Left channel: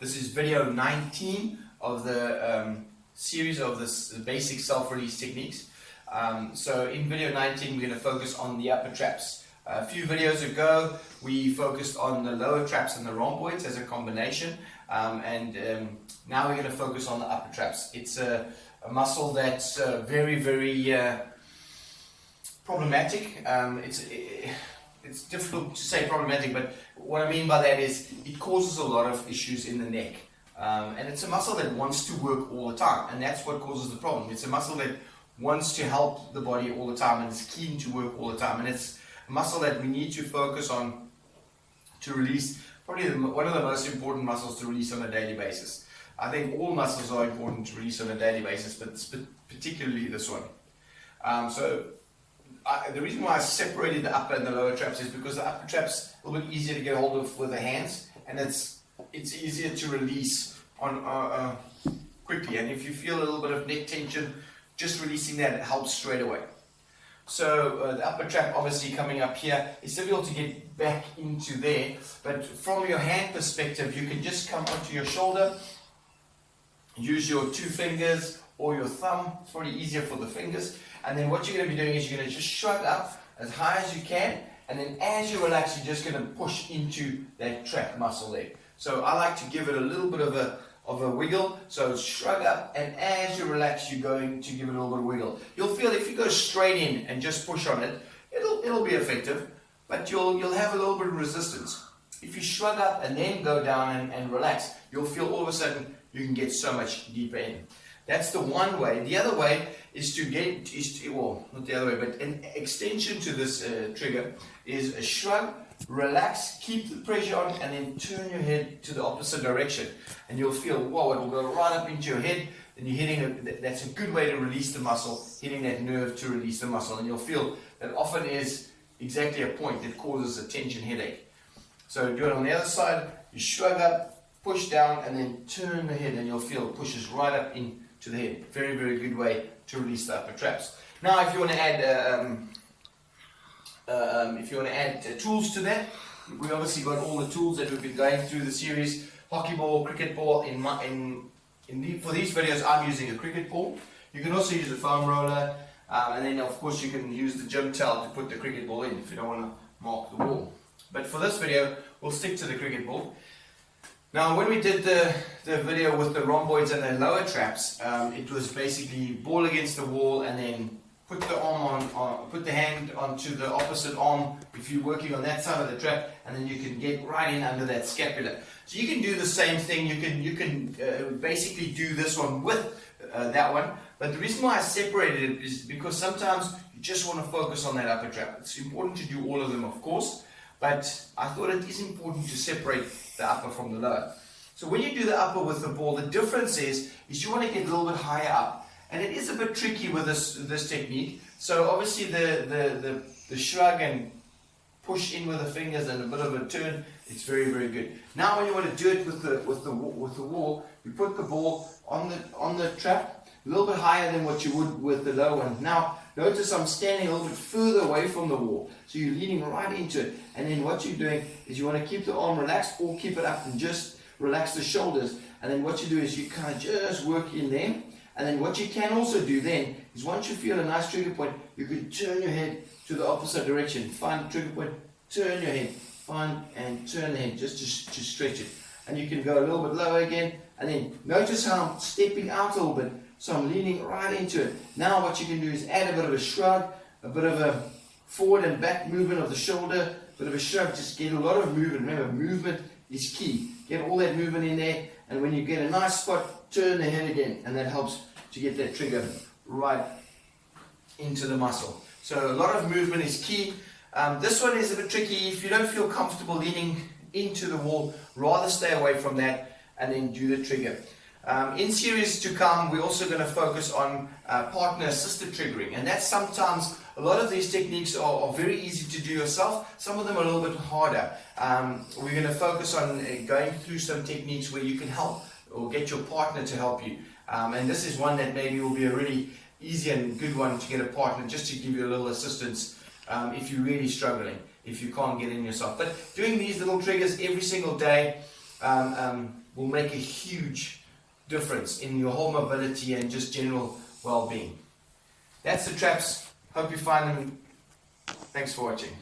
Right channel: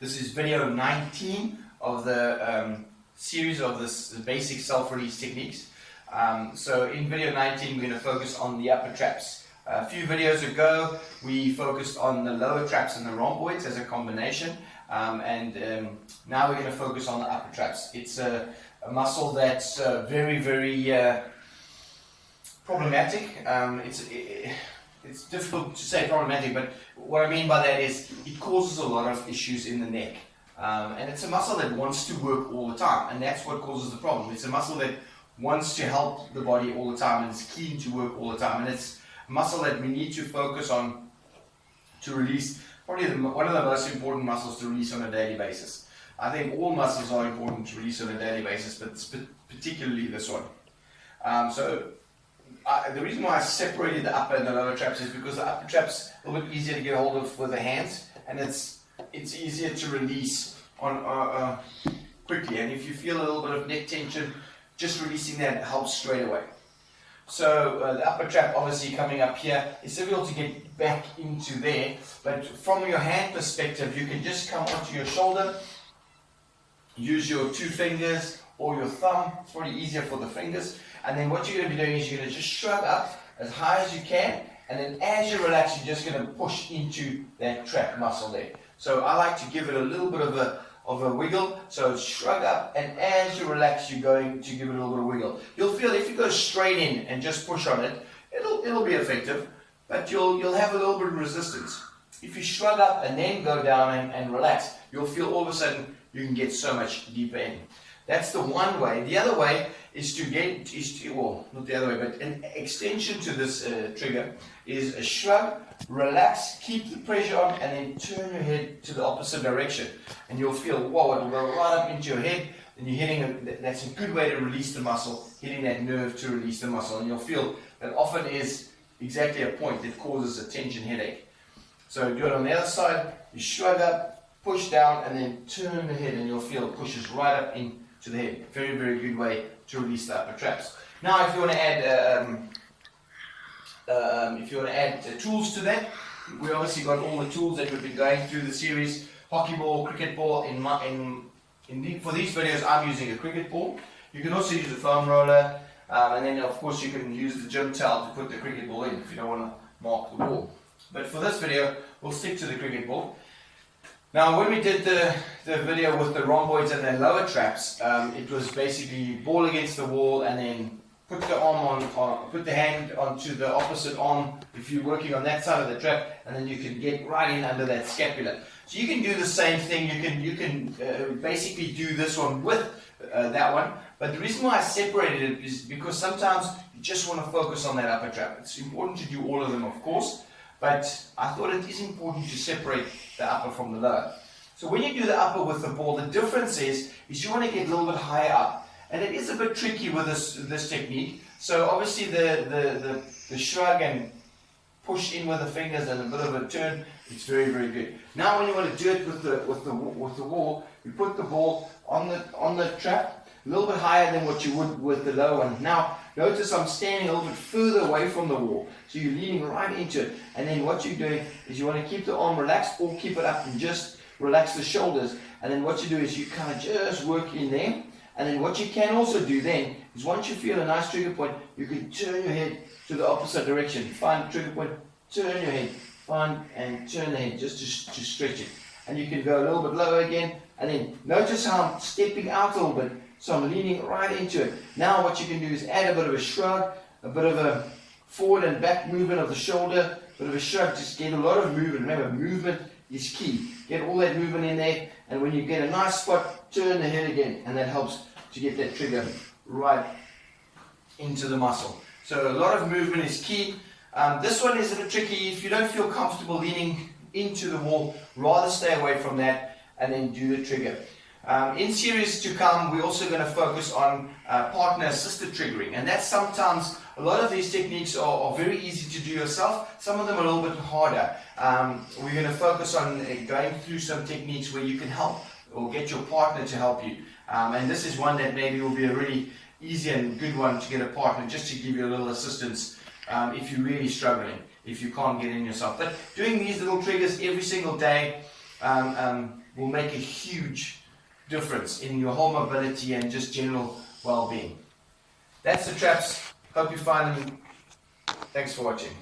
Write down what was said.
This is video 19 of the series of this basic self-release techniques. So in video 19 we're going to focus on the upper traps. A few videos ago we focused on the lower traps and the rhomboids as a combination, and now we're going to focus on the upper traps. It's a muscle that's very problematic. It's difficult to say problematic, but what I mean by that is it causes a lot of issues in the neck. And it's a muscle that wants to work all the time, and that's what causes the problem. It's a muscle that wants to help the body all the time and is keen to work all the time. And it's a muscle that we need to focus on to release, probably one of the most important muscles to release on a daily basis. I think all muscles are important to release on a daily basis, but particularly this one. The reason why I separated the upper and the lower traps is because the upper traps are a little bit easier to get hold of with the hands, and it's easier to release on quickly. And if you feel a little bit of neck tension, just releasing that helps straight away. So the upper trap obviously coming up here, it's difficult to get back into there, but from your hand perspective you can just come onto your shoulder, use your two fingers or your thumb. It's probably easier for the fingers. And then what you're going to be doing is you're going to just shrug up as high as you can, and then as you relax you're just going to push into that trap muscle there. So I like to give it a little bit of a wiggle. So shrug up, and as you relax you're going to give it a little bit of wiggle. You'll feel if you go straight in and just push on it, it'll be effective, but you'll have a little bit of resistance. If you shrug up and then go down and relax, you'll feel all of a sudden you can get so much deeper in. That's the one way. The other way is not the other way, but an extension to this trigger is a shrug, relax, keep the pressure on, and then turn your head to the opposite direction. And you'll feel, whoa, it'll go right up into your head, and you're hitting that's a good way to release the muscle, hitting that nerve to release the muscle. And you'll feel that often is exactly a point that causes a tension headache. So do it on the other side, you shrug up, push down, and then turn the head, and you'll feel it pushes right up into the head. Very good way to release the upper traps. Now, if you want to add tools to that, we obviously got all the tools that we've been going through the series: hockey ball, cricket ball. For these videos, I'm using a cricket ball. You can also use a foam roller, and then of course you can use the gym towel to put the cricket ball in if you don't want to mark the ball. But for this video, we'll stick to the cricket ball. Now, when we did the video with the rhomboids and the lower traps, it was basically ball against the wall, and then put the arm put the hand onto the opposite arm if you're working on that side of the trap, and then you can get right in under that scapula. So you can do the same thing. You can basically do this one with that one. But the reason why I separated it is because sometimes you just want to focus on that upper trap. It's important to do all of them, of course, but I thought it is important to separate the upper from the lower. So when you do the upper with the ball, the difference is you want to get a little bit higher up. And it is a bit tricky with this technique. So obviously the shrug and push in with the fingers and a bit of a turn, it's very good. Now when you want to do it with the wall, you put the ball on the trap a little bit higher than what you would with the lower one. Now notice I'm standing a little bit further away from the wall, so you're leaning right into it. And then what you're doing is you want to keep the arm relaxed or keep it up and just relax the shoulders. And then what you do is you kind of just work in there. And then what you can also do then is once you feel a nice trigger point, you can turn your head to the opposite direction. Find the trigger point, turn your head, find and turn the head just to stretch it. And you can go a little bit lower again. And then notice how I'm stepping out a little bit. So I'm leaning right into it. Now what you can do is add a bit of a shrug, a bit of a forward and back movement of the shoulder, a bit of a shrug, just get a lot of movement. Remember, movement is key. Get all that movement in there, and when you get a nice spot, turn the head again, and that helps to get that trigger right into the muscle. So a lot of movement is key. This one is a bit tricky. If you don't feel comfortable leaning into the wall, rather stay away from that and then do the trigger. In series to come, we're also going to focus on partner-assisted triggering, and that's sometimes, a lot of these techniques are very easy to do yourself. Some of them are a little bit harder. We're going to focus on going through some techniques where you can help or get your partner to help you. And this is one that maybe will be a really easy and good one to get a partner, just to give you a little assistance if you're really struggling, if you can't get in yourself. But doing these little triggers every single day, will make a huge difference in your whole mobility and just general well-being. That's the traps. Hope you find them. Thanks for watching.